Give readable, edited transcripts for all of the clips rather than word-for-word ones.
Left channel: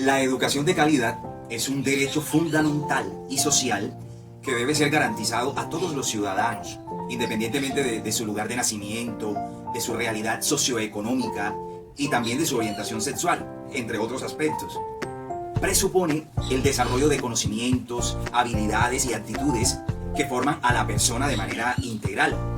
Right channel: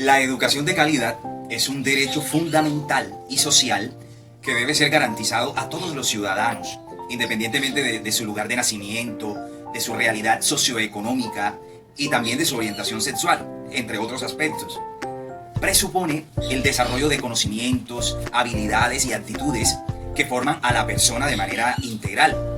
La educación de calidad es un derecho fundamental y social que debe ser garantizado a todos los ciudadanos, independientemente de su lugar de nacimiento, de su realidad socioeconómica y también de su orientación sexual, entre otros aspectos. Presupone el desarrollo de conocimientos, habilidades y actitudes que forman a la persona de manera integral.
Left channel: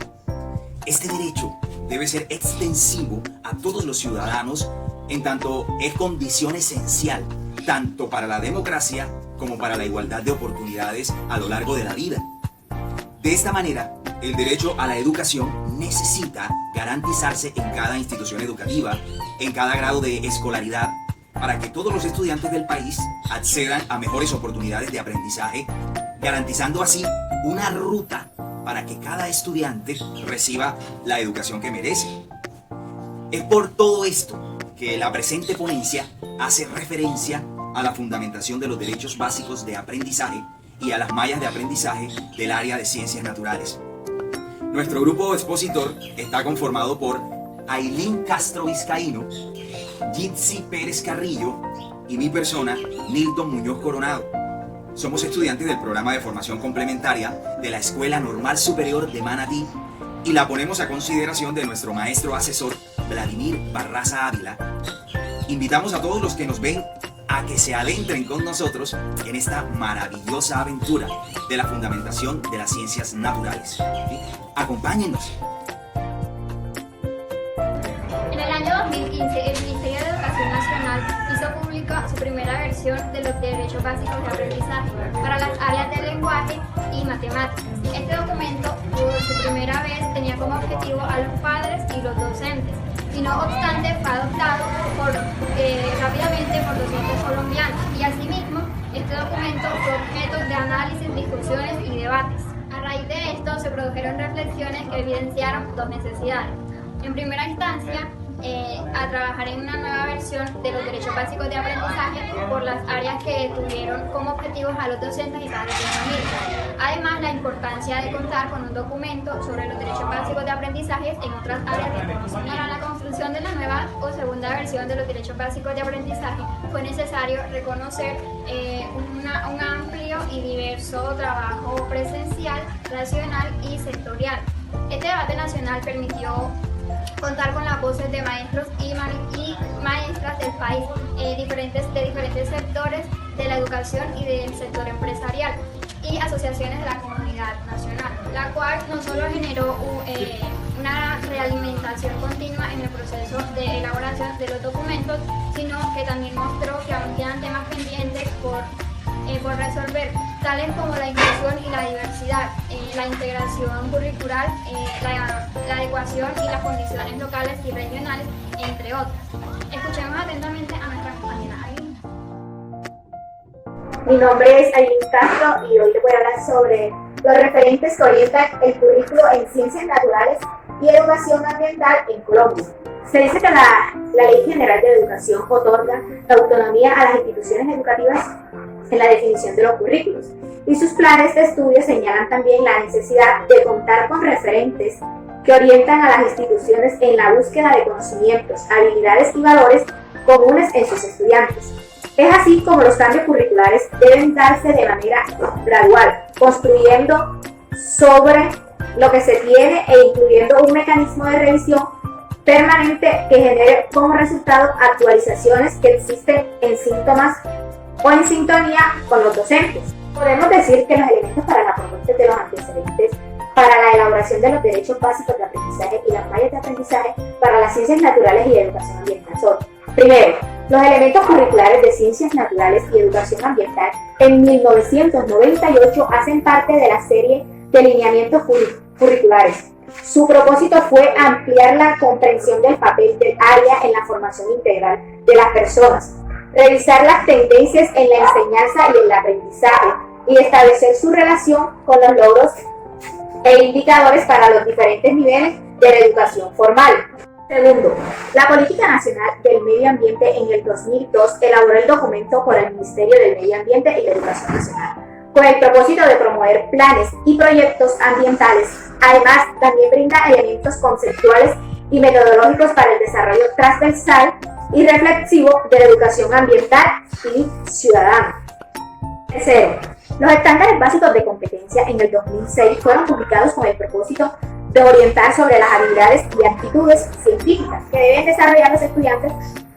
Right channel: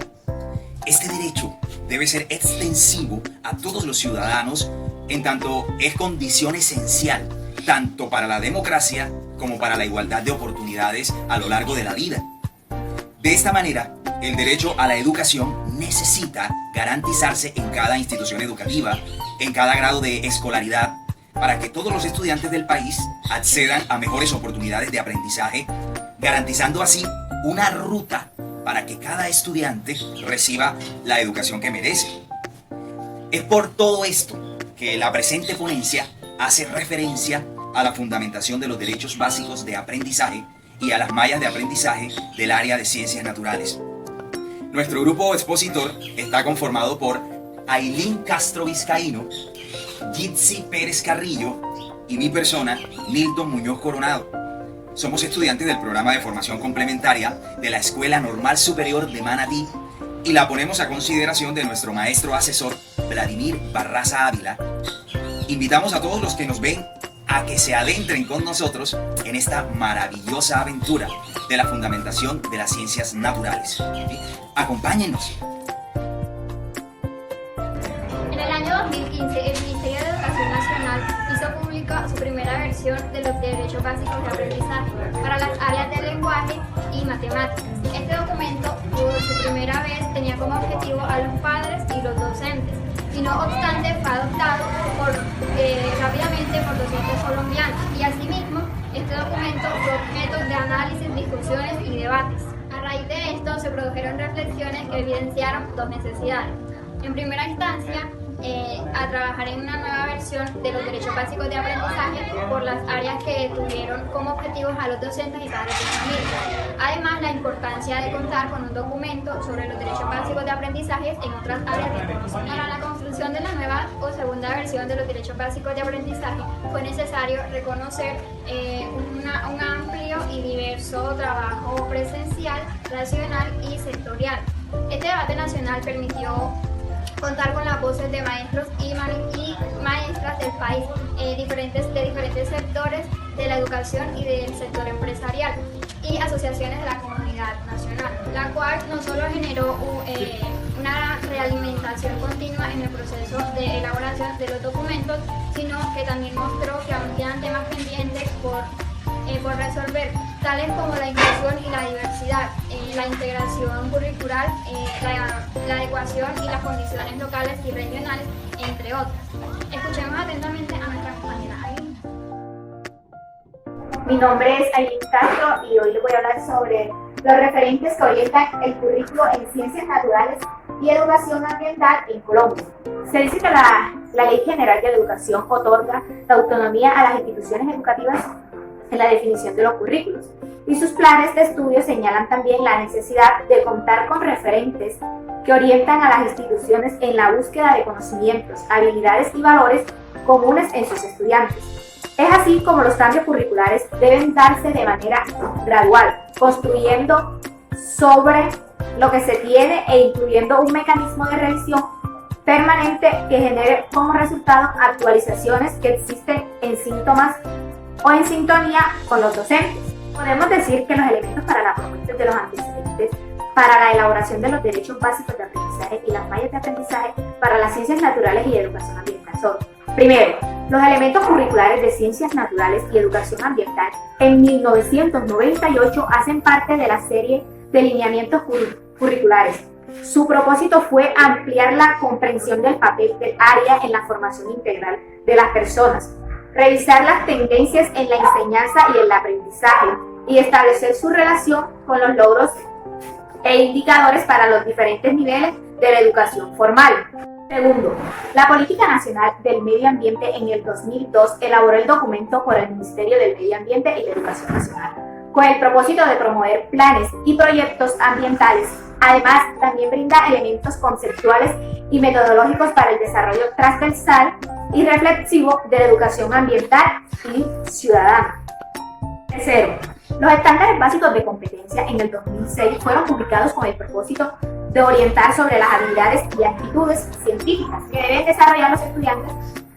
Este derecho debe ser extensivo a todos los ciudadanos en tanto es condición esencial tanto para la democracia como para la igualdad de oportunidades a lo largo de la vida. De esta manera, el derecho a la educación necesita garantizarse en cada institución educativa, en cada grado de escolaridad, para que todos los estudiantes del país accedan a mejores oportunidades de aprendizaje, garantizando así una ruta para que cada estudiante reciba la educación que merece. Es por todo esto que la presente ponencia hace referencia a la fundamentación de los derechos básicos de aprendizaje y a las mallas de aprendizaje del área de ciencias naturales. Nuestro grupo expositor está conformado por Ailín Castro Vizcaíno, Jitsi Pérez Carrillo y mi persona, Milton Muñoz Coronado. Somos estudiantes del programa de formación complementaria de la Escuela Normal Superior de Manatí y la ponemos a consideración de nuestro maestro asesor, Vladimir Barraza Ávila. Invitamos a todos los que nos ven a que se adentren con nosotros en esta maravillosa aventura de la fundamentación de las ciencias naturales. ¿Sí? Acompáñenos. En el año 2015, el Ministerio de Educación Nacional hizo pública su primera versión de los derechos básicos de aprendizaje para las áreas de lenguaje y matemáticas. Este documento, por su primera vez, tenía como objetivo a los padres y los docentes, y no obstante fue adoptado rápidamente por docentes colombianos, y asimismo este documento fue objeto de análisis, discusiones y debates. A raíz de esto se produjeron reflexiones que evidenciaron dos necesidades. En primera instancia, a trabajar en una nueva versión de los derechos básicos de aprendizaje por las áreas que tuvieron como objetivos a los docentes y padres de familia. Además, la importancia de contar con un documento sobre los derechos básicos de aprendizaje en otras áreas de conocimiento. Para la construcción de la nueva o segunda versión de los derechos básicos de aprendizaje fue necesario reconocer un amplio y diverso trabajo presencial, nacional y sectorial. Este debate nacional permitió contar con las voces de maestros y maestras del país, de diferentes sectores de la educación y del sector empresarial y asociaciones de la comunidad nacional, la cual no solo generó una realimentación continua en el proceso de elaboración de los documentos, sino que también mostró que aún quedan temas pendientes por resolver, tales como la inclusión y la diversidad, la integración curricular, la adecuación y las condiciones locales y regionales, entre otras. Escuchemos atentamente a nuestra compañera Ailín. Mi nombre es Ailín Castro y hoy les voy a hablar sobre los referentes que orientan el currículo en ciencias naturales y educación ambiental en Colombia. Se dice que la Ley General de Educación otorga la autonomía a las instituciones educativas en la definición de los currículos, y sus planes de estudio señalan también la necesidad de contar con referentes que orientan a las instituciones en la búsqueda de conocimientos, habilidades y valores comunes en sus estudiantes. Es así como los cambios curriculares deben darse de manera gradual, construyendo sobre lo que se tiene e incluyendo un mecanismo de revisión permanente que genere como resultado actualizaciones que existen en síntomas o en sintonía con los docentes. Podemos decir que los elementos para la propuesta de los antecedentes para la elaboración de los derechos básicos de aprendizaje y las mallas de aprendizaje para las ciencias naturales y de educación ambiental son: primero, los elementos curriculares de ciencias naturales y educación ambiental en 1998 hacen parte de la serie de lineamientos curriculares. Su propósito fue ampliar la comprensión del papel del área en la formación integral de las personas, revisar las tendencias en la enseñanza y el aprendizaje y establecer su relación con los logros e indicadores para los diferentes niveles de la educación formal. Segundo, la Política Nacional del Medio Ambiente en el 2002 elaboró el documento por el Ministerio del Medio Ambiente y la Educación Nacional, con el propósito de promover planes y proyectos ambientales. Además, también brinda elementos conceptuales y metodológicos para el desarrollo transversal y reflexivo de la educación ambiental y ciudadana. Tercero, los estándares básicos de competencia en el 2006 fueron publicados con el propósito de orientar sobre las habilidades y actitudes científicas que deben desarrollar los estudiantes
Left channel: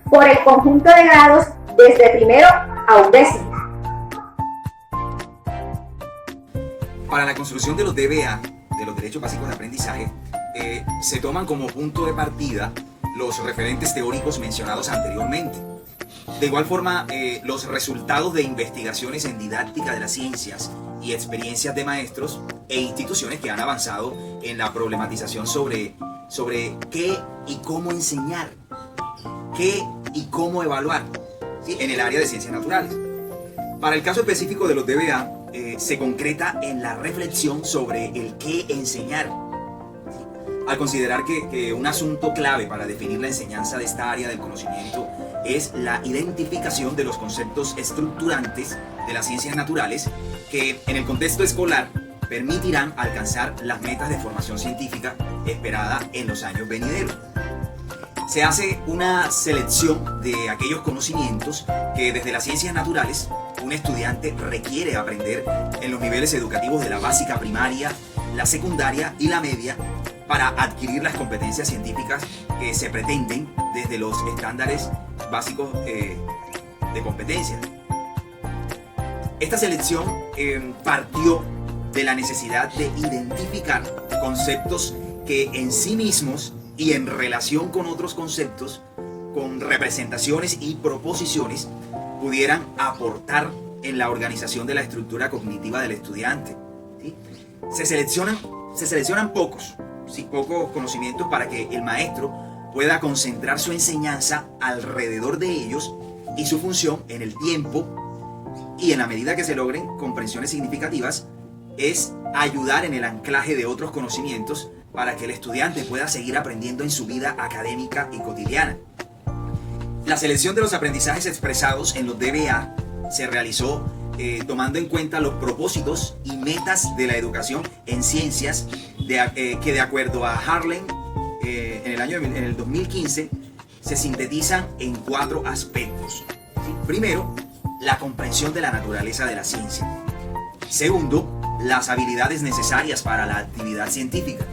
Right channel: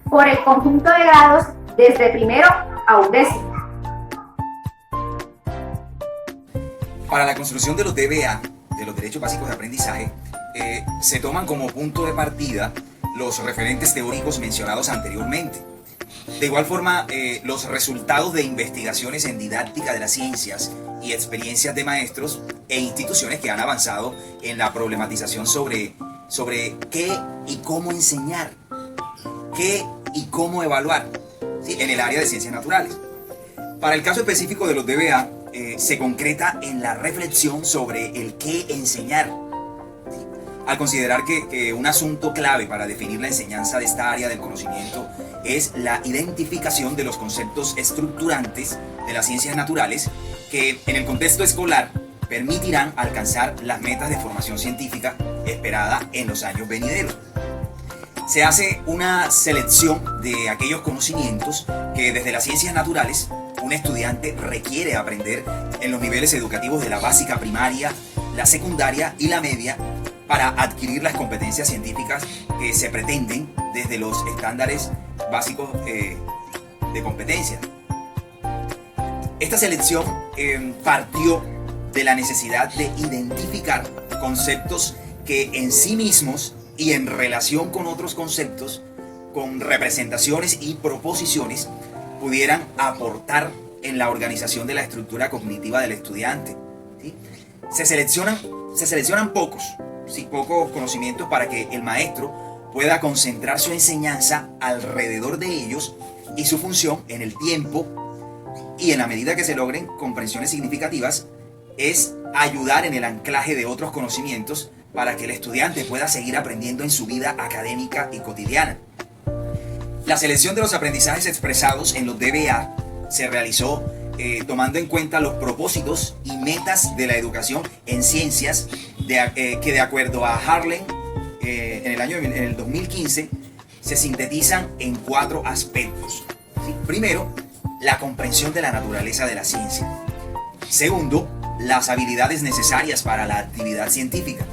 por el conjunto de grados desde primero a undécimo. Para la construcción de los DBA, de los Derechos Básicos de Aprendizaje, se toman como punto de partida los referentes teóricos mencionados anteriormente. De igual forma, los resultados de investigaciones en didáctica de las ciencias y experiencias de maestros e instituciones que han avanzado en la problematización sobre qué y cómo enseñar, qué y cómo evaluar, ¿sí?, en el área de ciencias naturales. Para el caso específico de los DBA, se concreta en la reflexión sobre el qué enseñar. Al considerar que un asunto clave para definir la enseñanza de esta área del conocimiento es la identificación de los conceptos estructurantes de las ciencias naturales que en el contexto escolar permitirán alcanzar las metas de formación científica esperada en los años venideros. Se hace una selección de aquellos conocimientos que desde las ciencias naturales un estudiante requiere aprender en los niveles educativos de la básica primaria, la secundaria y la media para adquirir las competencias científicas que se pretenden desde los estándares básicos de competencia. Esta selección partió de la necesidad de identificar conceptos que en sí mismos y en relación con otros conceptos, con representaciones y proposiciones, pudieran aportar en la organización de la estructura cognitiva del estudiante, ¿sí? Se seleccionan pocos conocimientos para que el maestro pueda concentrar su enseñanza alrededor de ellos y su función en el tiempo, y en la medida que se logren comprensiones significativas es ayudar en el anclaje de otros conocimientos para que el estudiante pueda seguir aprendiendo en su vida académica y cotidiana. La selección de los aprendizajes expresados en los DBA se realizó tomando en cuenta los propósitos y metas de la educación en ciencias que de acuerdo a Harlan en el 2015 se sintetizan en 4 aspectos, ¿sí? Primero, la comprensión de la naturaleza de la ciencia. Segundo, las habilidades necesarias para la actividad científica.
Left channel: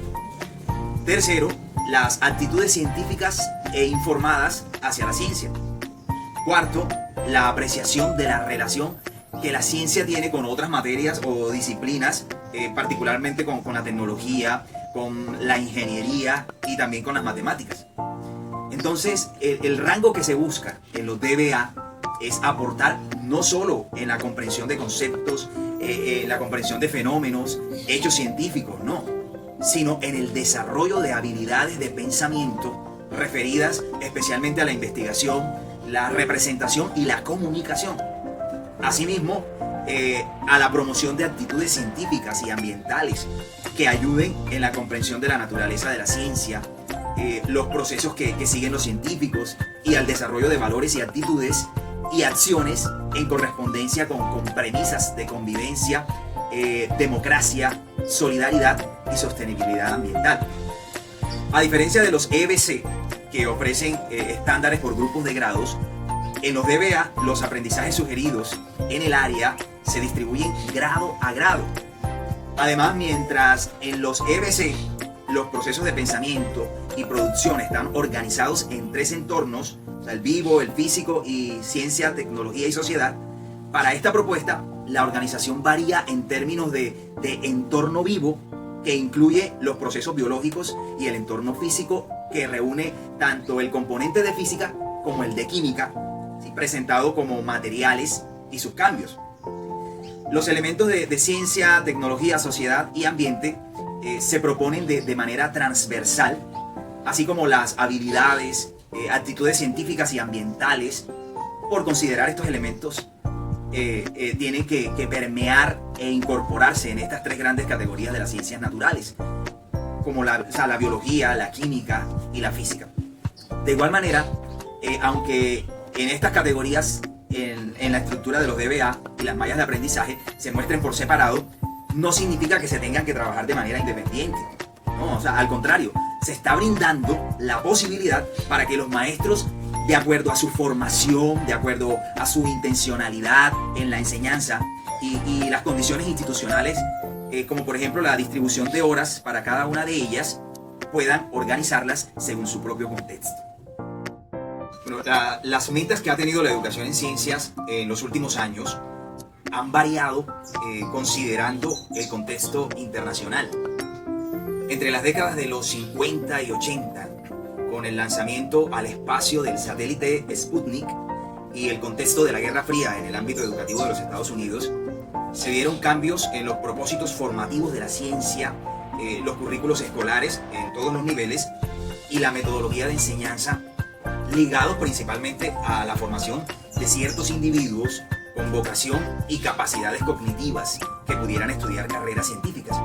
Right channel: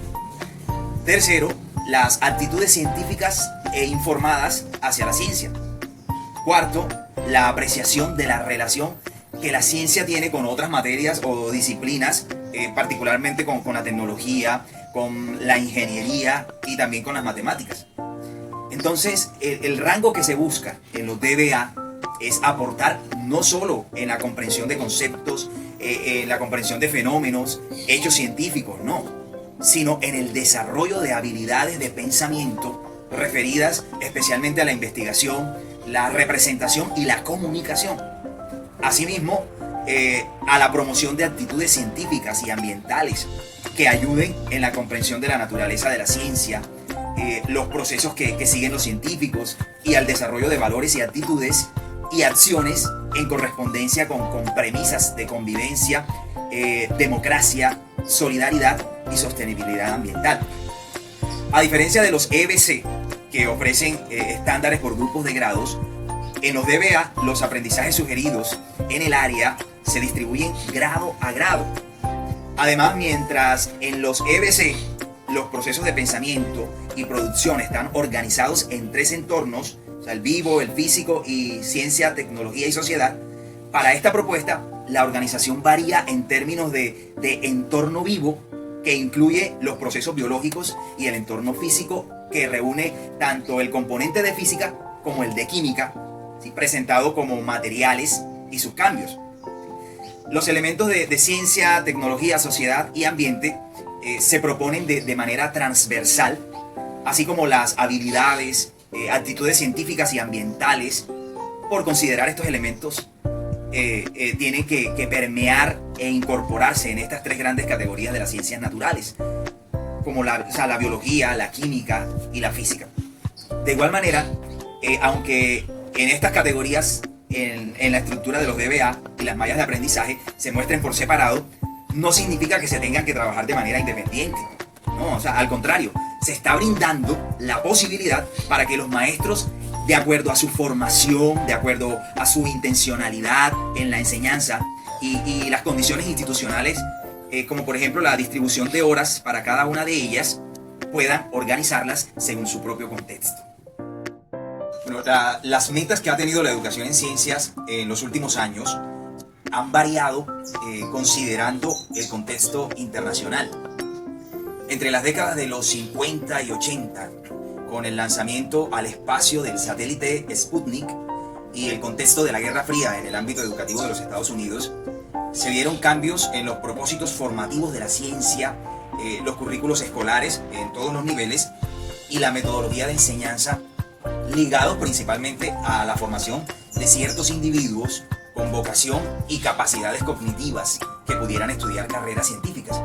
Tercero, las actitudes científicas e informadas hacia la ciencia. Cuarto, la apreciación de la relación que la ciencia tiene con otras materias o disciplinas, particularmente con la tecnología, con la ingeniería y también con las matemáticas. Entonces, el rango que se busca en los DBA es aportar no solo en la comprensión de conceptos, la comprensión de fenómenos, hechos científicos, no, sino en el desarrollo de habilidades de pensamiento referidas especialmente a la investigación, la representación y la comunicación. Asimismo, a la promoción de actitudes científicas y ambientales que ayuden en la comprensión de la naturaleza de la ciencia, los procesos que siguen los científicos y al desarrollo de valores y actitudes y acciones en correspondencia con premisas de convivencia, democracia, solidaridad y sostenibilidad ambiental. A diferencia de los EBC, que ofrecen estándares por grupos de grados, en los DBA los aprendizajes sugeridos en el área se distribuyen grado a grado. Además, mientras en los EBC los procesos de pensamiento y producción están organizados en 3 entornos, o sea, el vivo, el físico y ciencia, tecnología y sociedad, para esta propuesta la organización varía en términos de entorno vivo, que incluye los procesos biológicos, y el entorno físico, que reúne tanto el componente de física como el de química, ¿sí?, presentado como materiales y sus cambios. Los elementos de ciencia, tecnología, sociedad y ambiente se proponen de manera transversal, así como las habilidades, actitudes científicas y ambientales. Por considerar estos elementos, tienen que permear e incorporarse en estas 3 grandes categorías de las ciencias naturales, como la biología, la química y la física. De igual manera, aunque en estas categorías, en la estructura de los DBA y las mallas de aprendizaje se muestren por separado, no significa que se tengan que trabajar de manera independiente. No, al contrario, se está brindando la posibilidad para que los maestros de acuerdo a su formación, de acuerdo a su intencionalidad en la enseñanza y las condiciones institucionales, como por ejemplo la distribución de horas para cada una de ellas, puedan organizarlas según su propio contexto. Bueno, las metas que ha tenido la educación en ciencias en los últimos años han variado considerando el contexto internacional. Entre las décadas de los 50 y 80, con el lanzamiento al espacio del satélite Sputnik y el contexto de la Guerra Fría en el ámbito educativo de los Estados Unidos, se vieron cambios en los propósitos formativos de la ciencia, los currículos escolares en todos los niveles y la metodología de enseñanza, ligados principalmente a la formación de ciertos individuos con vocación y capacidades cognitivas que pudieran estudiar carreras científicas.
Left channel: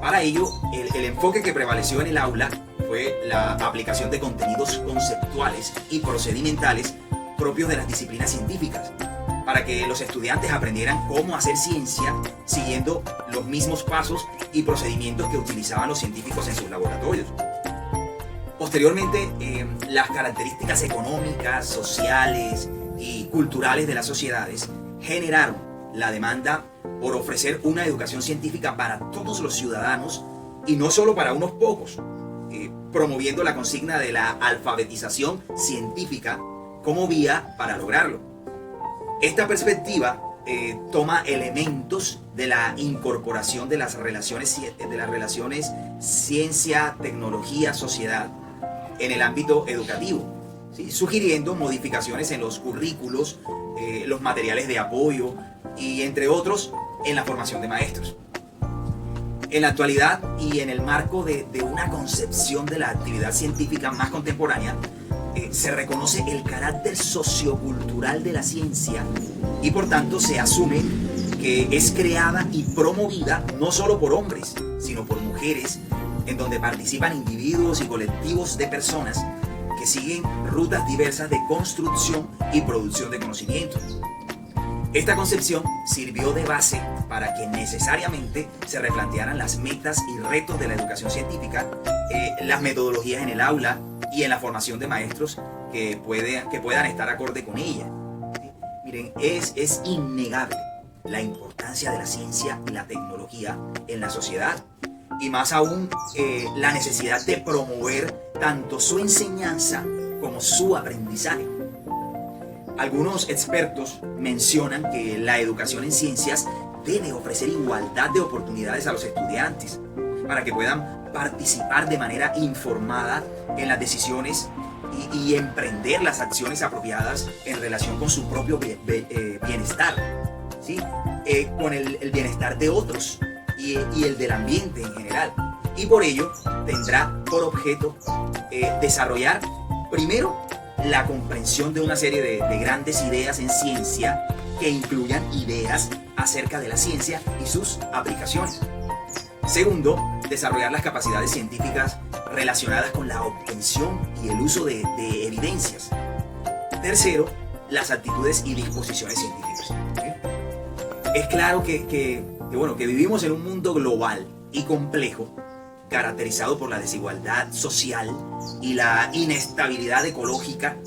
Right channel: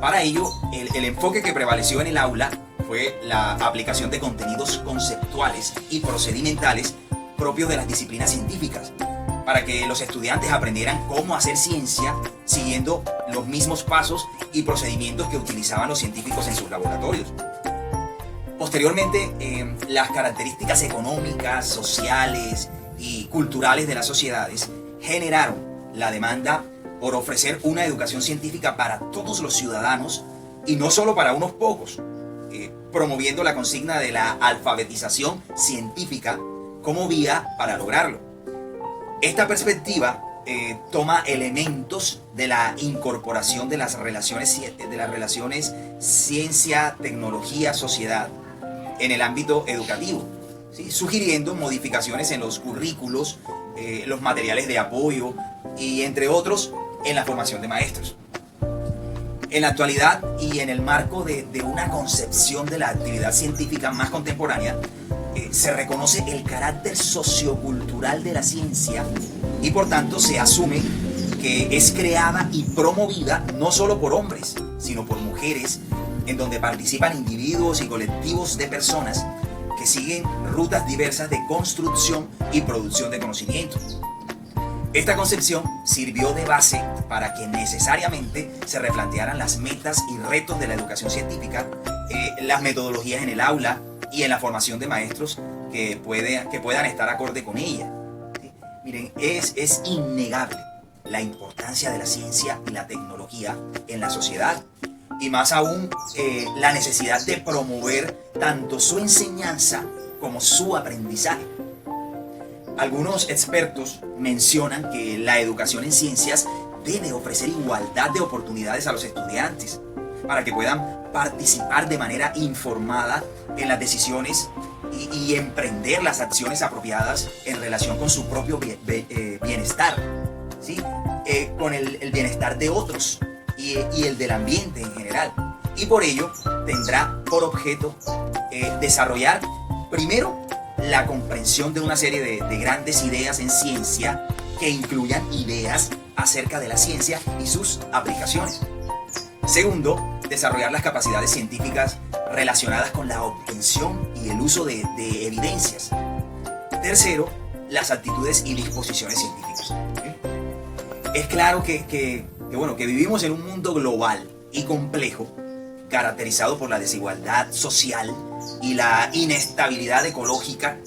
Para ello, el enfoque que prevaleció en el aula fue la aplicación de contenidos conceptuales y procedimentales propios de las disciplinas científicas, para que los estudiantes aprendieran cómo hacer ciencia siguiendo los mismos pasos y procedimientos que utilizaban los científicos en sus laboratorios. Posteriormente, las características económicas, sociales y culturales de las sociedades generaron la demanda por ofrecer una educación científica para todos los ciudadanos y no solo para unos pocos, promoviendo la consigna de la alfabetización científica como vía para lograrlo. Esta perspectiva toma elementos de la incorporación de las relaciones ciencia, tecnología, sociedad en el ámbito educativo, ¿sí? Sugiriendo modificaciones en los currículos, los materiales de apoyo y entre otros en la formación de maestros. En la actualidad y en el marco de una concepción de la actividad científica más contemporánea, se reconoce el carácter sociocultural de la ciencia y por tanto se asume que es creada y promovida no solo por hombres, sino por mujeres, en donde participan individuos y colectivos de personas que siguen rutas diversas de construcción y producción de conocimiento. Esta concepción sirvió de base para que necesariamente se replantearan las metas y retos de la educación científica, las metodologías en el aula y en la formación de maestros que puedan estar acorde con ella. ¿Sí? Miren, es innegable la importancia de la ciencia y la tecnología en la sociedad y más aún la necesidad de promover tanto su enseñanza como su aprendizaje. Algunos expertos mencionan que la educación en ciencias debe ofrecer igualdad de oportunidades a los estudiantes para que puedan participar de manera informada en las decisiones y emprender las acciones apropiadas en relación con su propio bienestar, ¿sí? Con el bienestar de otros y el del ambiente en general. Y por ello tendrá por objeto desarrollar primero la comprensión de una serie de grandes ideas en ciencia que incluyan ideas acerca de la ciencia y sus aplicaciones. Segundo, desarrollar las capacidades científicas relacionadas con la obtención y el uso de evidencias. Tercero, las actitudes y disposiciones científicas. ¿Sí? Es claro que vivimos en un mundo global y complejo, caracterizado por la desigualdad social y la inestabilidad ecológica,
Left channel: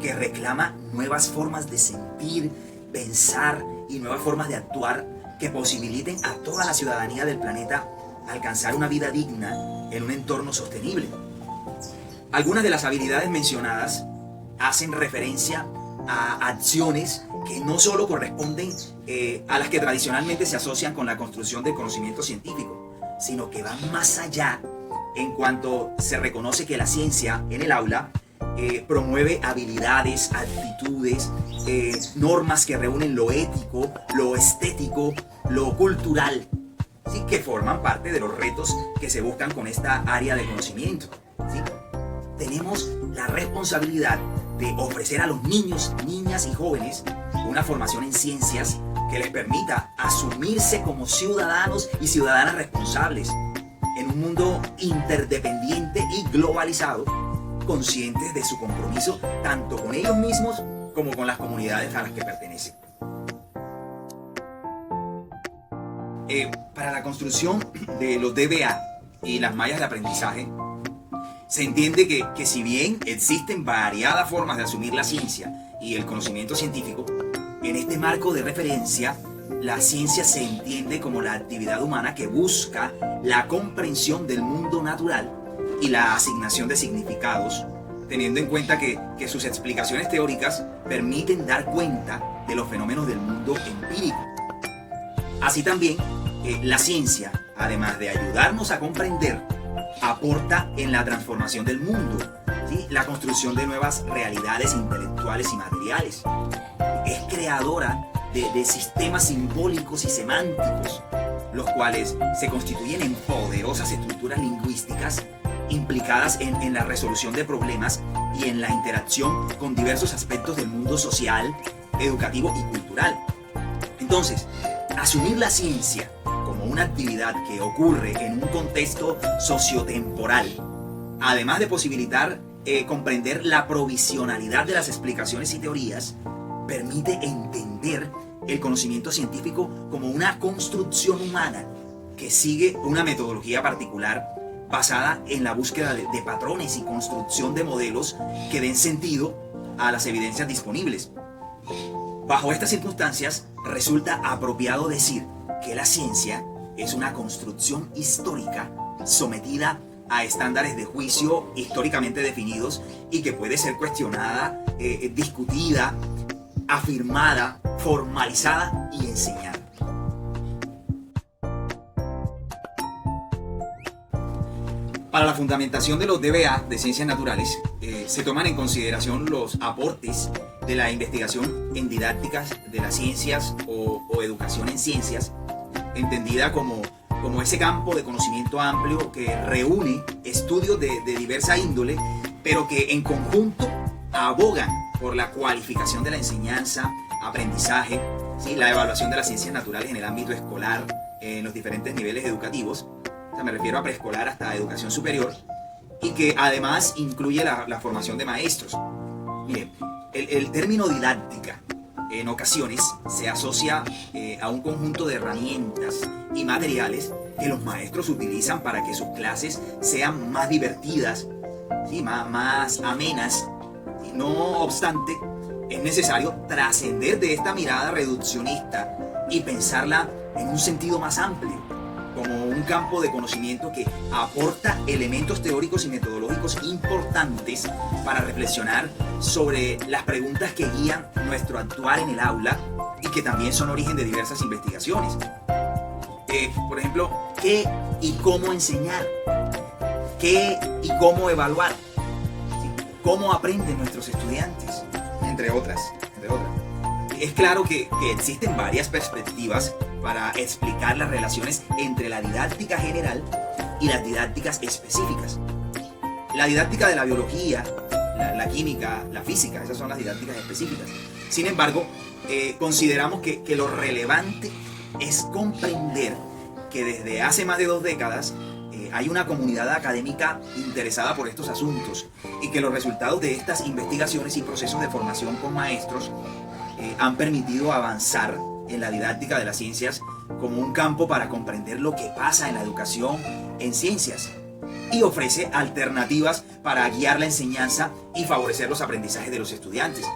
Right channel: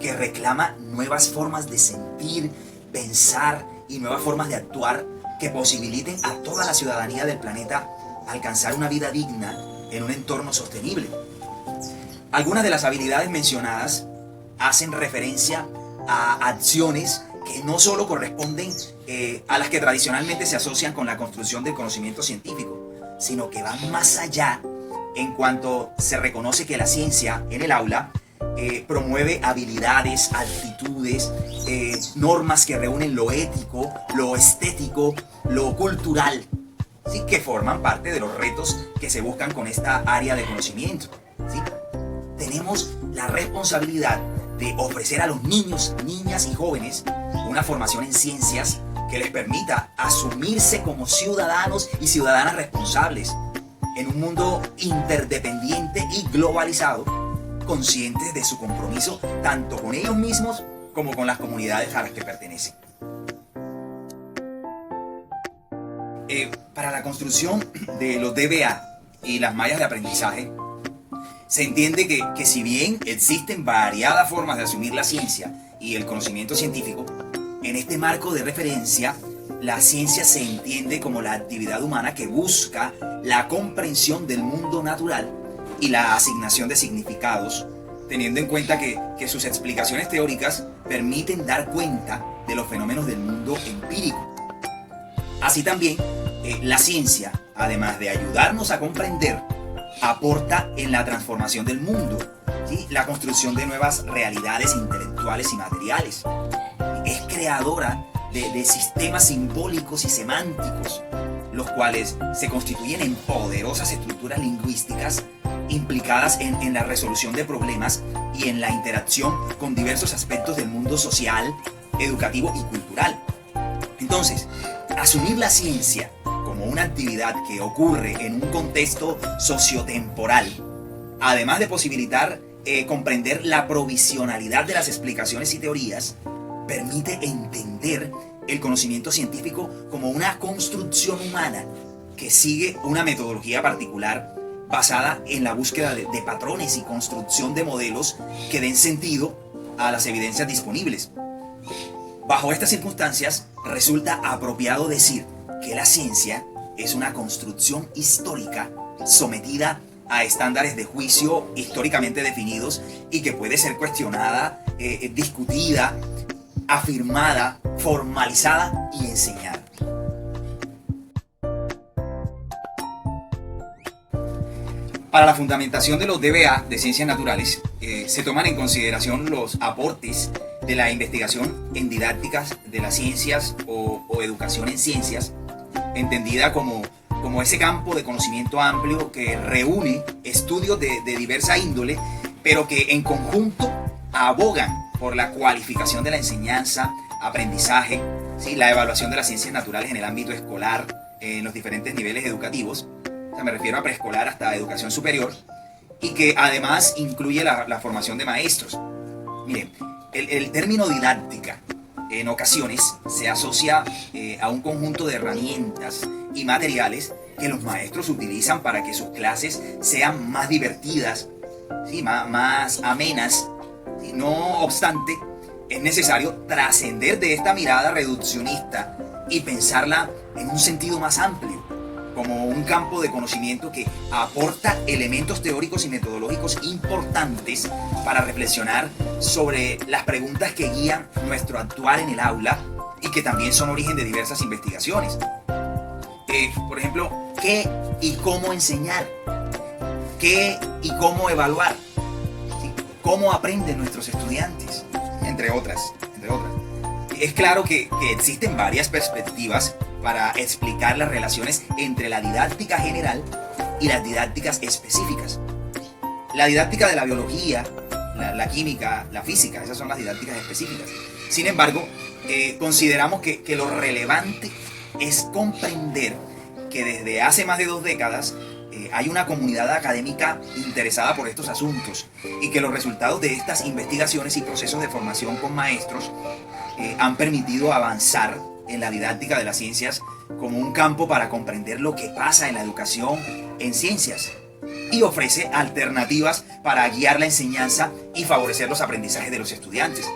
que reclama nuevas formas de sentir, pensar y nuevas formas de actuar que posibiliten a toda la ciudadanía del planeta alcanzar una vida digna en un entorno sostenible. Algunas de las habilidades mencionadas hacen referencia a acciones que no solo corresponden a las que tradicionalmente se asocian con la construcción del conocimiento científico, sino que van más allá en cuanto se reconoce que la ciencia en el aula promueve habilidades, actitudes, normas que reúnen lo ético, lo estético, lo cultural, ¿sí? Que forman parte de los retos que se buscan con esta área de conocimiento, ¿sí? Tenemos la responsabilidad de ofrecer a los niños, niñas y jóvenes una formación en ciencias que les permita asumirse como ciudadanos y ciudadanas responsables en un mundo interdependiente y globalizado, conscientes de su compromiso tanto con ellos mismos como con las comunidades a las que pertenecen. Para la construcción de los DBA y las mallas de aprendizaje, Se entiende que si bien existen variadas formas de asumir la ciencia y el conocimiento científico, en este marco de referencia, la ciencia se entiende como la actividad humana que busca la comprensión del mundo natural y la asignación de significados, teniendo en cuenta que sus explicaciones teóricas permiten dar cuenta de los fenómenos del mundo empírico. Así también, la ciencia, además de ayudarnos a comprender, aporta en la transformación del mundo, ¿sí? La construcción de nuevas realidades intelectuales y materiales. Es creadora de sistemas simbólicos y semánticos, los cuales se constituyen en poderosas estructuras lingüísticas implicadas en la resolución de problemas y en la interacción con diversos aspectos del mundo social, educativo y cultural. Entonces, asumir la ciencia como una actividad que ocurre en un contexto sociotemporal, además de posibilitar comprender la provisionalidad de las explicaciones y teorías, permite entender el conocimiento científico como una construcción humana que sigue una metodología particular basada en la búsqueda de patrones y construcción de modelos que den sentido a las evidencias disponibles. Bajo estas circunstancias, resulta apropiado decir que la ciencia es una construcción histórica sometida a estándares de juicio históricamente definidos y que puede ser cuestionada, discutida, afirmada, formalizada y enseñada. Para la fundamentación de los DBA de ciencias naturales, se toman en consideración los aportes de la investigación en didácticas de las ciencias o educación en ciencias, entendida como ese campo de conocimiento amplio que reúne estudios de diversa índole, pero que en conjunto abogan por la cualificación de la enseñanza, aprendizaje, ¿sí? La evaluación de las ciencias naturales en el ámbito escolar, en los diferentes niveles educativos. O sea, me refiero a preescolar hasta educación superior, y que además incluye la formación de maestros. Miren, el término didáctica en ocasiones se asocia a un conjunto de herramientas y materiales que los maestros utilizan para que sus clases sean más divertidas, ¿sí? más amenas. ¿Sí? No obstante, es necesario trascender de esta mirada reduccionista y pensarla en un sentido más amplio, como un campo de conocimiento que aporta elementos teóricos y metodológicos importantes para reflexionar sobre las preguntas que guían nuestro actuar en el aula y que también son origen de diversas investigaciones. Por ejemplo, ¿qué y cómo enseñar? ¿Qué y cómo evaluar? ¿Sí? ¿Cómo aprenden nuestros estudiantes? Entre otras. Es claro que existen varias perspectivas para explicar las relaciones entre la didáctica general y las didácticas específicas. La didáctica de la biología, la química, la física, esas son las didácticas específicas. Sin embargo, consideramos que lo relevante es comprender que desde hace más de 2 décadas hay una comunidad académica interesada por estos asuntos y que los resultados de estas investigaciones y procesos de formación con maestros han permitido avanzar en la didáctica de las ciencias como un campo para comprender lo que pasa en la educación en ciencias y ofrece alternativas para guiar la enseñanza y favorecer los aprendizajes de los estudiantes.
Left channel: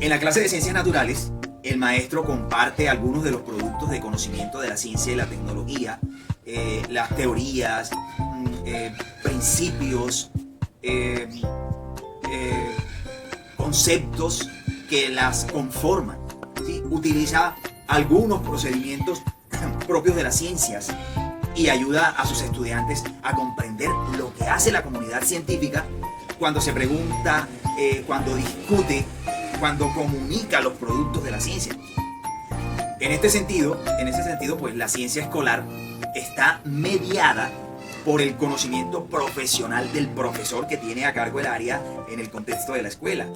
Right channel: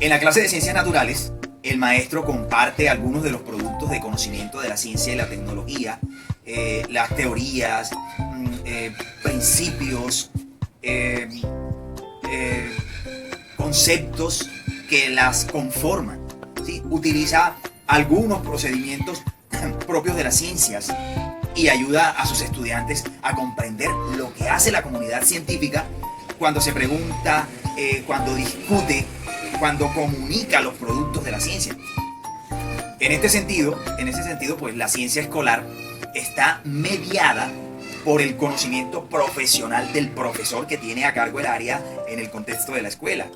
En la clase de ciencias naturales, el maestro comparte algunos de los productos de conocimiento de la ciencia y la tecnología, las teorías, principios, conceptos que las conforman. ¿Sí? Utiliza algunos procedimientos propios de las ciencias y ayuda a sus estudiantes a comprender lo que hace la comunidad científica cuando se pregunta, cuando discute, cuando comunica los productos de la ciencia. En ese sentido, pues la ciencia escolar está mediada por el conocimiento profesional del profesor que tiene a cargo el área en el contexto de la escuela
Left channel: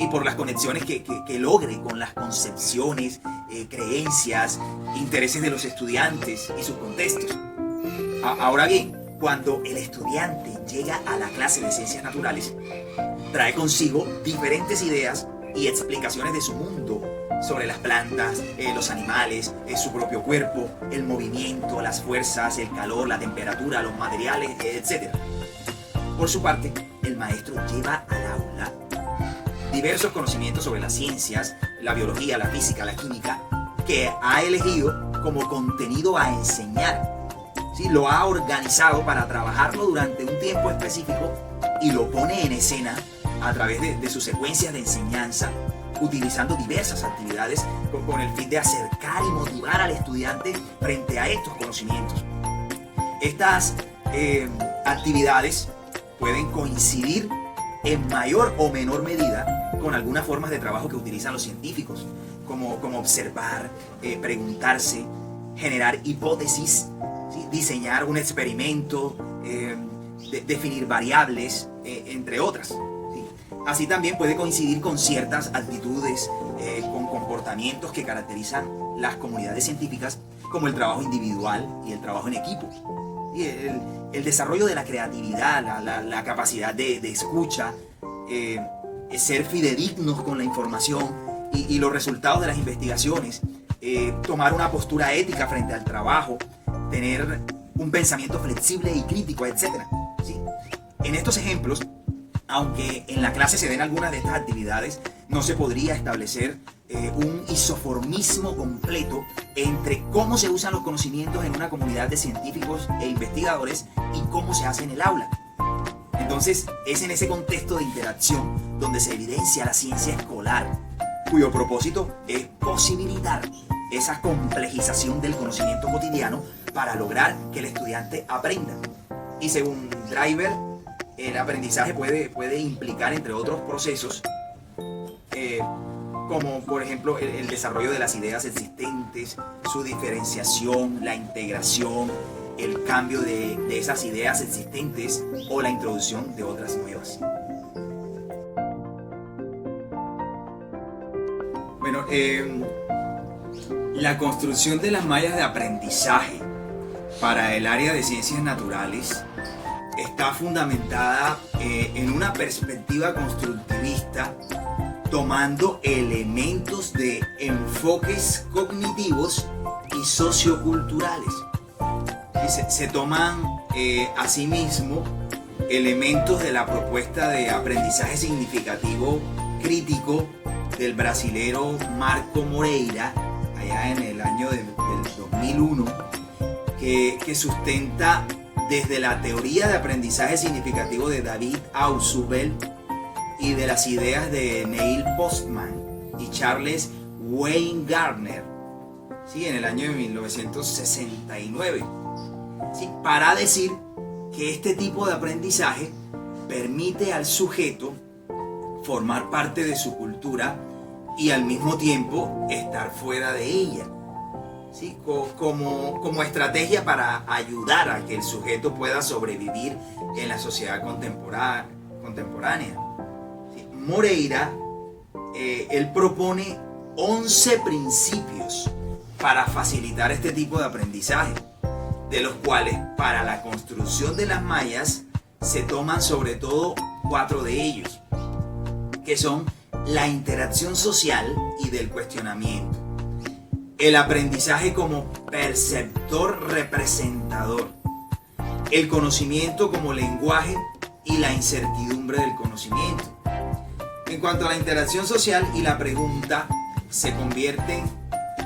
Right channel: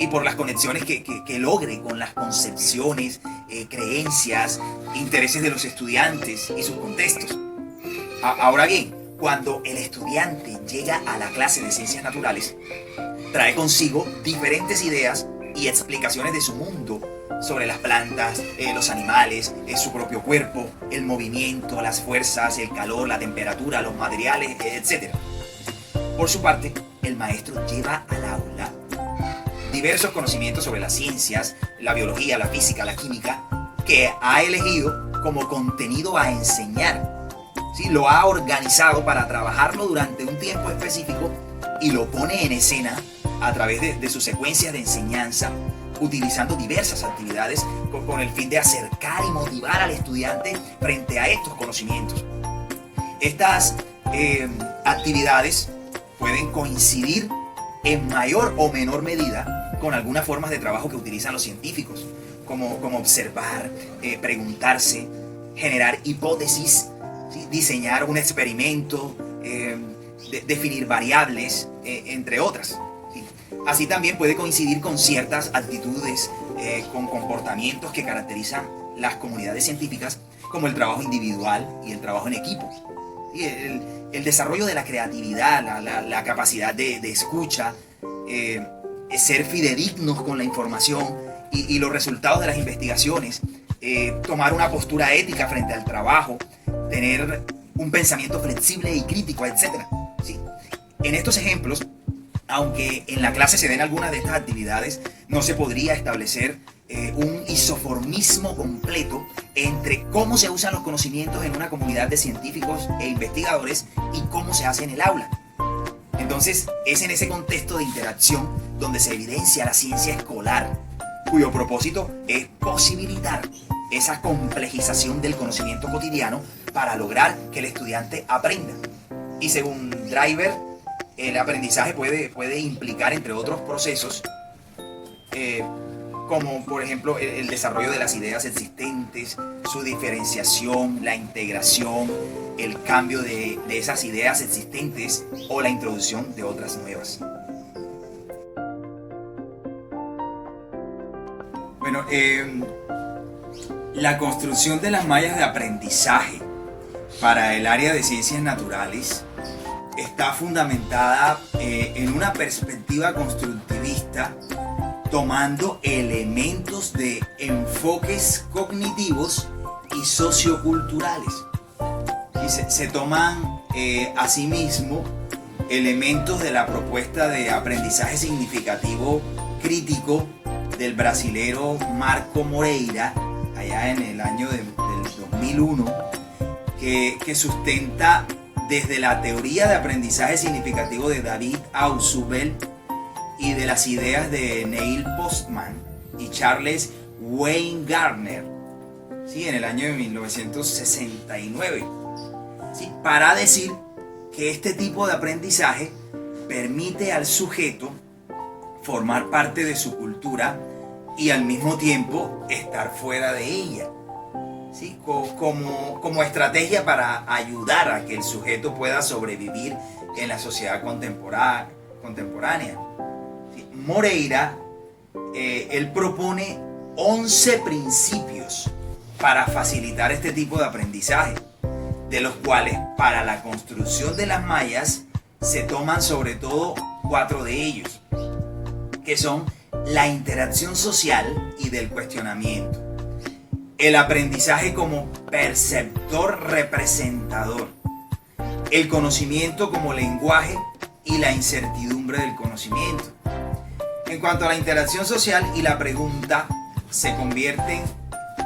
y por las conexiones que logre con las concepciones, creencias, intereses de los estudiantes y sus contextos. Ahora bien, cuando el estudiante llega a la clase de ciencias naturales, trae consigo diferentes ideas y explicaciones de su mundo sobre las plantas, los animales, su propio cuerpo, el movimiento, las fuerzas, el calor, la temperatura, los materiales, etc. Por su parte, el maestro lleva al aula diversos conocimientos sobre las ciencias, la biología, la física, la química, que ha elegido como contenido a enseñar. ¿Sí? Lo ha organizado para trabajarlo durante un tiempo específico y lo pone en escena a través de sus secuencias de enseñanza, utilizando diversas actividades con el fin de acercar y motivar al estudiante frente a estos conocimientos. Estas actividades pueden coincidir en mayor o menor medida con algunas formas de trabajo que utilizan los científicos, como observar, preguntarse, generar hipótesis, ¿sí? Diseñar un experimento, definir variables, entre otras. ¿Sí? Así también puede coincidir con ciertas actitudes, con comportamientos que caracterizan las comunidades científicas, como el trabajo individual y el trabajo en equipo. ¿Sí? El desarrollo de la creatividad, la capacidad de escucha, ser fidedignos con la información y los resultados de las investigaciones, tomar una postura ética frente al trabajo, tener un pensamiento flexible y crítico, etc. ¿Sí? En estos ejemplos, aunque en la clase se den algunas de estas actividades, no se podría establecer un isoformismo completo entre cómo se usan los conocimientos en una comunidad de científicos e investigadores y cómo se hace en el aula. Entonces, es en ese contexto de interacción donde se evidencia la ciencia escolar, cuyo propósito es posibilitar esa complejización del conocimiento cotidiano para lograr que el estudiante aprenda. Y según Driver, el aprendizaje puede implicar, entre otros procesos, como por ejemplo el desarrollo de las ideas existentes, su diferenciación, la integración, el cambio de esas ideas existentes o la introducción de otras nuevas. Bueno, la construcción de las mallas de aprendizaje para el área de ciencias naturales está fundamentada en una perspectiva constructivista, tomando elementos de enfoques cognitivos y socioculturales. Y se toman asimismo elementos de la propuesta de aprendizaje significativo crítico del brasilero Marco Moreira, allá en el año del 2001, que sustenta desde la teoría de aprendizaje significativo de David Ausubel y de las ideas de Neil Postman y Charles Weingartner, ¿sí? En el año de 1969, ¿sí? Para decir que este tipo de aprendizaje permite al sujeto formar parte de su cultura y al mismo tiempo estar fuera de ella, ¿sí? Como estrategia para ayudar a que el sujeto pueda sobrevivir en la sociedad contemporánea. ¿Sí? Moreira, él propone 11 principios para facilitar este tipo de aprendizaje, de los cuales para la construcción de las mallas se toman sobre todo 4 de ellos, que son la interacción social y del cuestionamiento, el aprendizaje como perceptor representador, el conocimiento como lenguaje y la incertidumbre del conocimiento. En cuanto a la interacción social y la pregunta, se convierten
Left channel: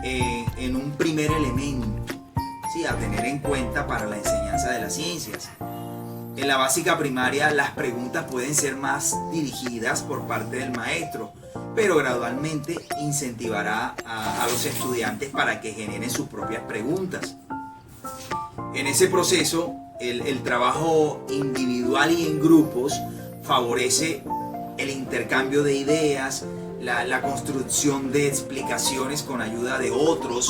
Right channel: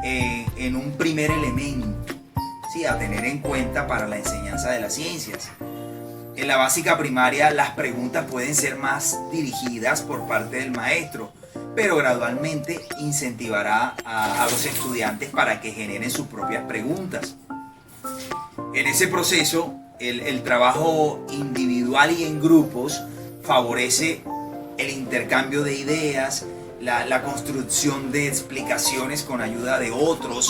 en un primer elemento, ¿sí? A tener en cuenta para la enseñanza de las ciencias. En la básica primaria, las preguntas pueden ser más dirigidas por parte del maestro, pero gradualmente incentivará a los estudiantes para que generen sus propias preguntas. En ese proceso, el trabajo individual y en grupos favorece el intercambio de ideas, la construcción de explicaciones con ayuda de otros,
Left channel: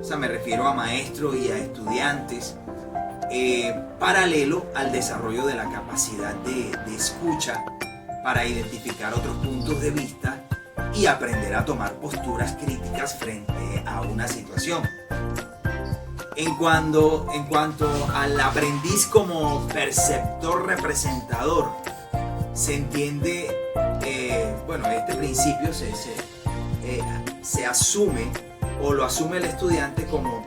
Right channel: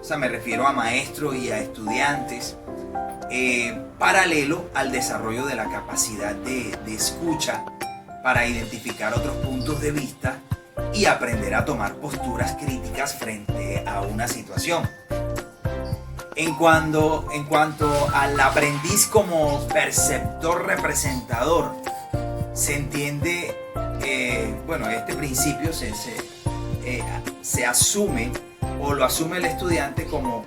o sea, me refiero a maestros y a estudiantes, paralelo al desarrollo de la capacidad de escucha para identificar otros puntos de vista y aprender a tomar posturas críticas frente a una situación. En cuanto al aprendiz como perceptor representador, se entiende, este principio se asume o lo asume el estudiante como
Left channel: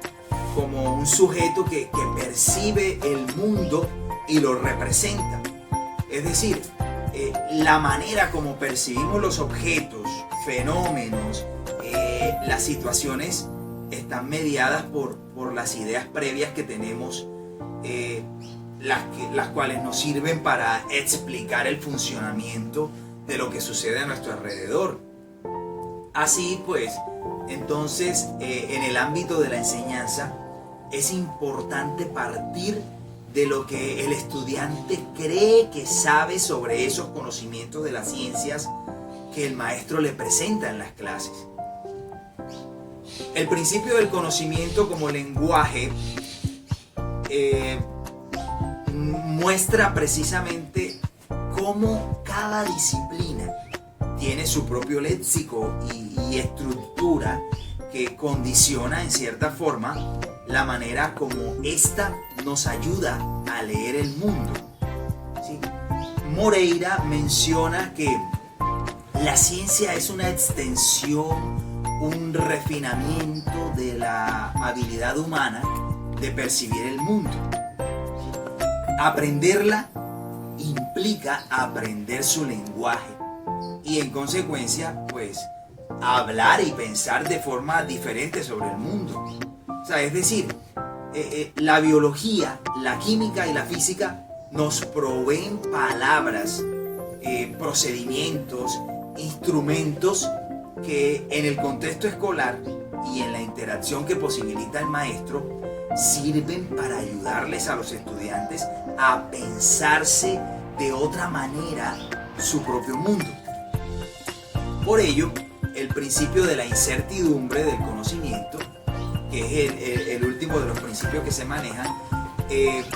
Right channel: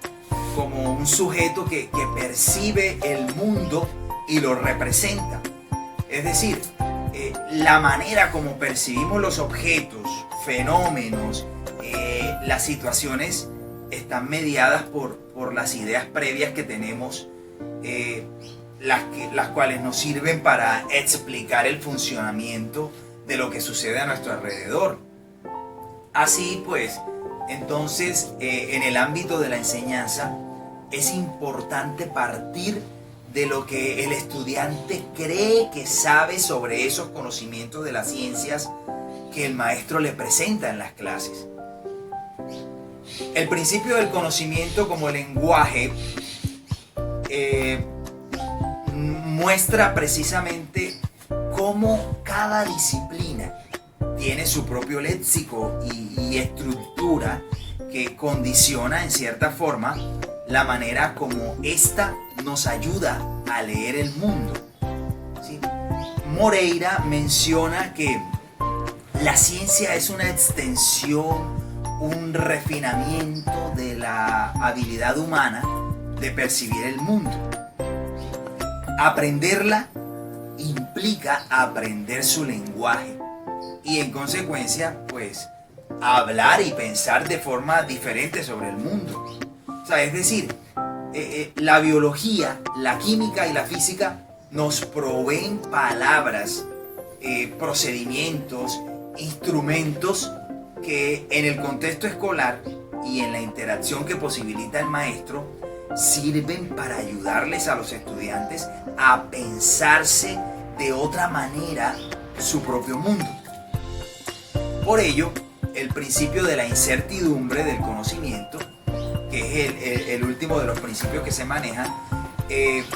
un sujeto que percibe el mundo y lo representa. Es decir, la manera como percibimos los objetos, fenómenos, las situaciones están mediadas por las ideas previas que tenemos, las cuales nos sirven para explicar el funcionamiento de lo que sucede a nuestro alrededor. Así pues, entonces, en el ámbito de la enseñanza, es importante partir de lo que el estudiante cree que sabe sobre esos conocimientos de las ciencias que el maestro le presenta en las clases. El principio del conocimiento como lenguaje muestra precisamente cómo cada disciplina tiene su propio léxico y estructura que condiciona en cierta forma la manera como ésta nos ayuda a leer el mundo. ¿Sí? Moreira menciona que la ciencia es una extensión, un refinamiento de la habilidad humana de percibir el mundo. Aprenderla implica aprender su lenguaje y en consecuencia, pues, hablar y pensar de forma diferente sobre el mundo. O sea, es decir, la biología, la química y la física nos proveen palabras, procedimientos, instrumentos que en el contexto escolar y en la interacción que posibilita el maestro sirven para ayudarles a los estudiantes a pensarse de otra manera su propio mundo. Por ello, el principio de la incertidumbre del conocimiento, que es el último de los principios que se manejan,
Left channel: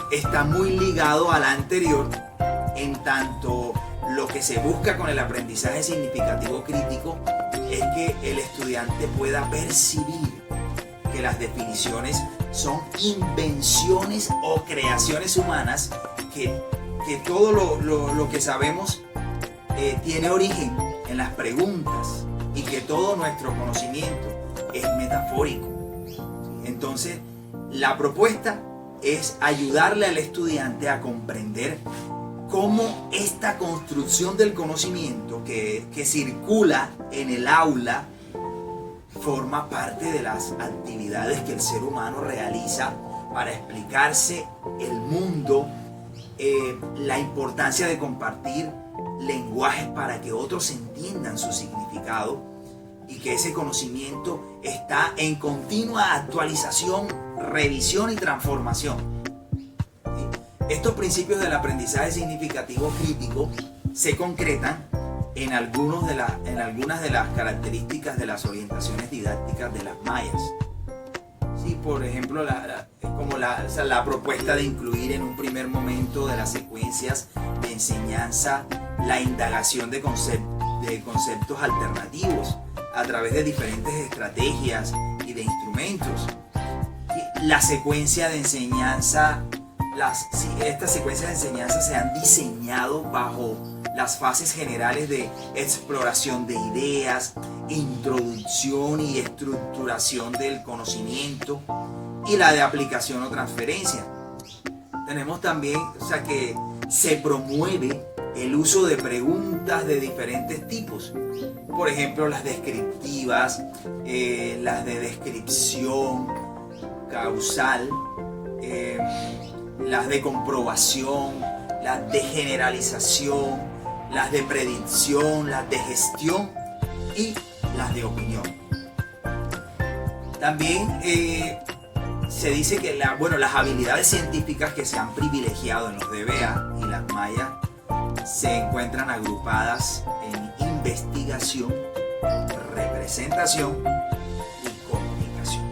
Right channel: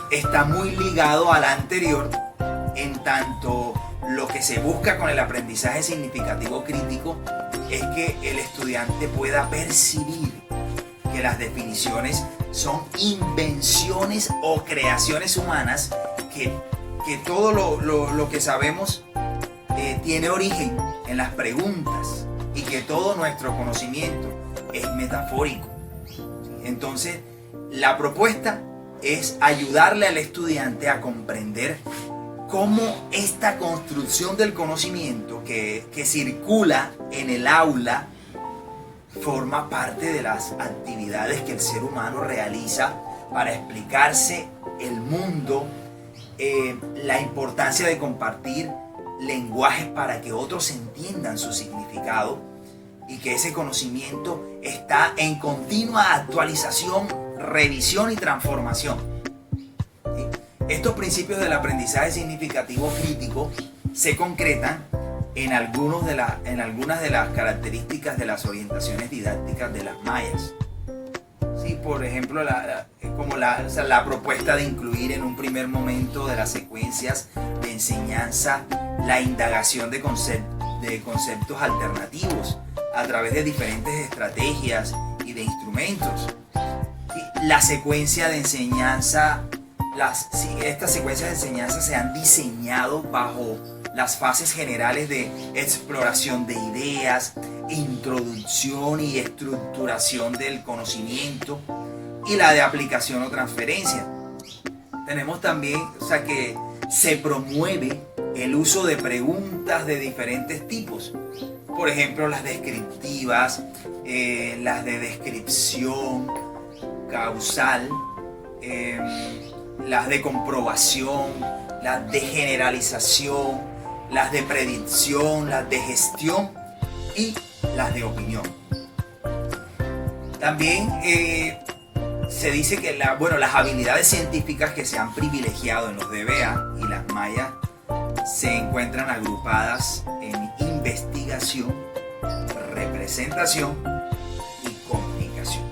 está muy ligado al anterior, en tanto lo que se busca con el aprendizaje significativo crítico es que el estudiante pueda percibir que las definiciones son invenciones o creaciones humanas, que todo lo que sabemos tiene origen en las preguntas y que todo nuestro conocimiento es metafórico. Entonces, la propuesta es ayudarle al estudiante a comprender cómo esta construcción del conocimiento que circula en el aula forma parte de las actividades que el ser humano realiza para explicarse el mundo, la importancia de compartir lenguajes para que otros entiendan su significado y que ese conocimiento está en continua actualización, revisión y transformación. ¿Sí? Estos principios del aprendizaje significativo crítico se concretan en algunas de las características de las orientaciones didácticas de las mayas. Sí, por ejemplo, la propuesta de incluir en un primer momento de las secuencias de enseñanza la indagación de conceptos alternativos a través de diferentes estrategias y de instrumentos. Sí, la secuencia de enseñanza, estas secuencias de enseñanza se han diseñado bajo las fases generales de exploración de ideas, introducción y estructuración del conocimiento y la de aplicación o transferencia. Tenemos también, que se promueve el uso de preguntas de diferentes tipos. Por ejemplo, las descriptivas, las de descripción causal, las de comprobación, las de generalización, las de predicción, las de gestión y las de opinión. También se dice que las habilidades científicas que se han privilegiado en los DBA y las mayas se encuentran agrupadas en investigación, representación y comunicación.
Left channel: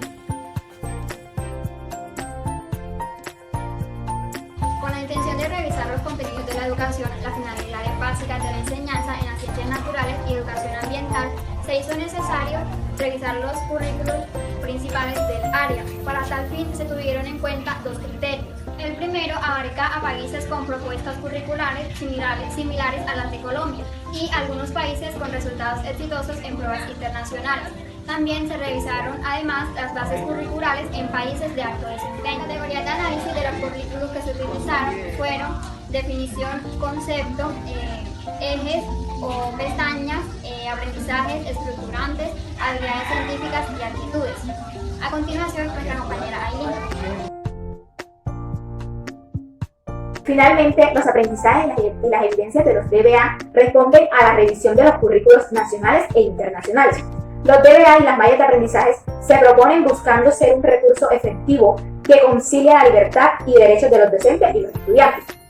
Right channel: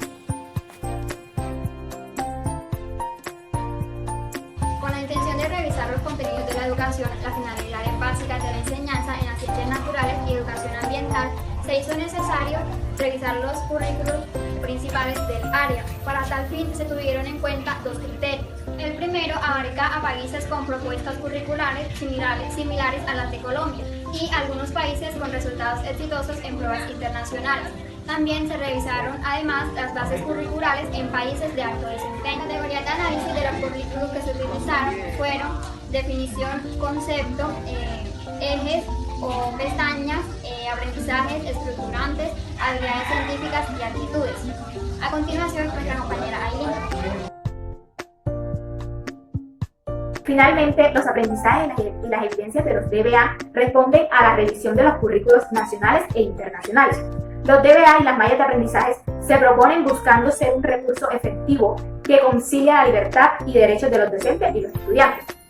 Con la intención de revisar los contenidos de la educación, las finalidades básicas de la enseñanza en las ciencias naturales y educación ambiental, se hizo necesario revisar los currículos principales del área. Para tal fin se tuvieron en cuenta dos criterios. El primero abarca a países con propuestas curriculares similares a las de Colombia y algunos países con resultados exitosos en pruebas internacionales. También se revisaron además las bases curriculares en países de alto desempeño. Las categorías de análisis de los currículos que se utilizaron fueron definición, concepto, ejes o pestañas, aprendizajes estructurantes, habilidades científicas y actitudes. A continuación, nuestra compañera Aileen. Finalmente, los aprendizajes y las evidencias de los DBA responden a la revisión de los currículos nacionales e internacionales. Los DBA y las mallas de aprendizajes se proponen buscando ser un recurso efectivo que concilia la libertad y derechos de los docentes y los estudiantes.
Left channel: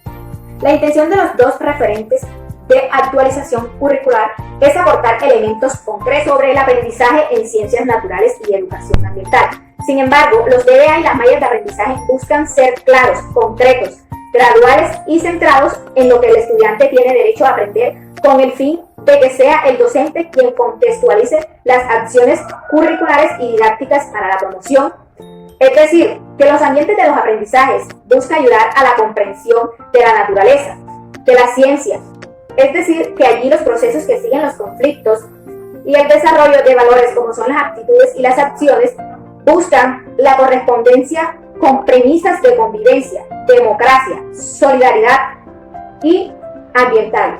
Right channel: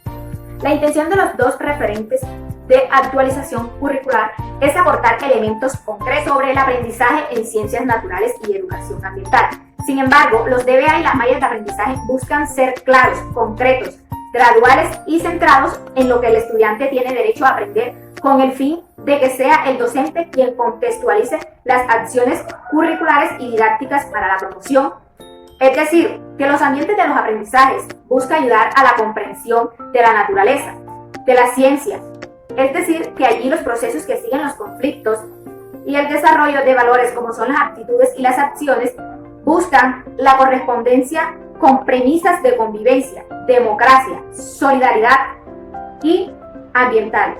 La intención de los dos referentes de actualización curricular es aportar elementos concretos sobre el aprendizaje en ciencias naturales y educación ambiental. Sin embargo, los DBA y las mallas de aprendizaje buscan ser claros, concretos, graduales y centrados en lo que el estudiante tiene derecho a aprender, con el fin de que sea el docente quien contextualice las acciones curriculares y didácticas para la promoción. Es decir, que los ambientes de los aprendizajes buscan ayudar a la comprensión de la naturaleza, de la ciencia. Es decir, que allí los procesos que siguen los conflictos y el desarrollo de valores como son las aptitudes y las acciones buscan la correspondencia con premisas de convivencia, democracia, solidaridad y ambiental.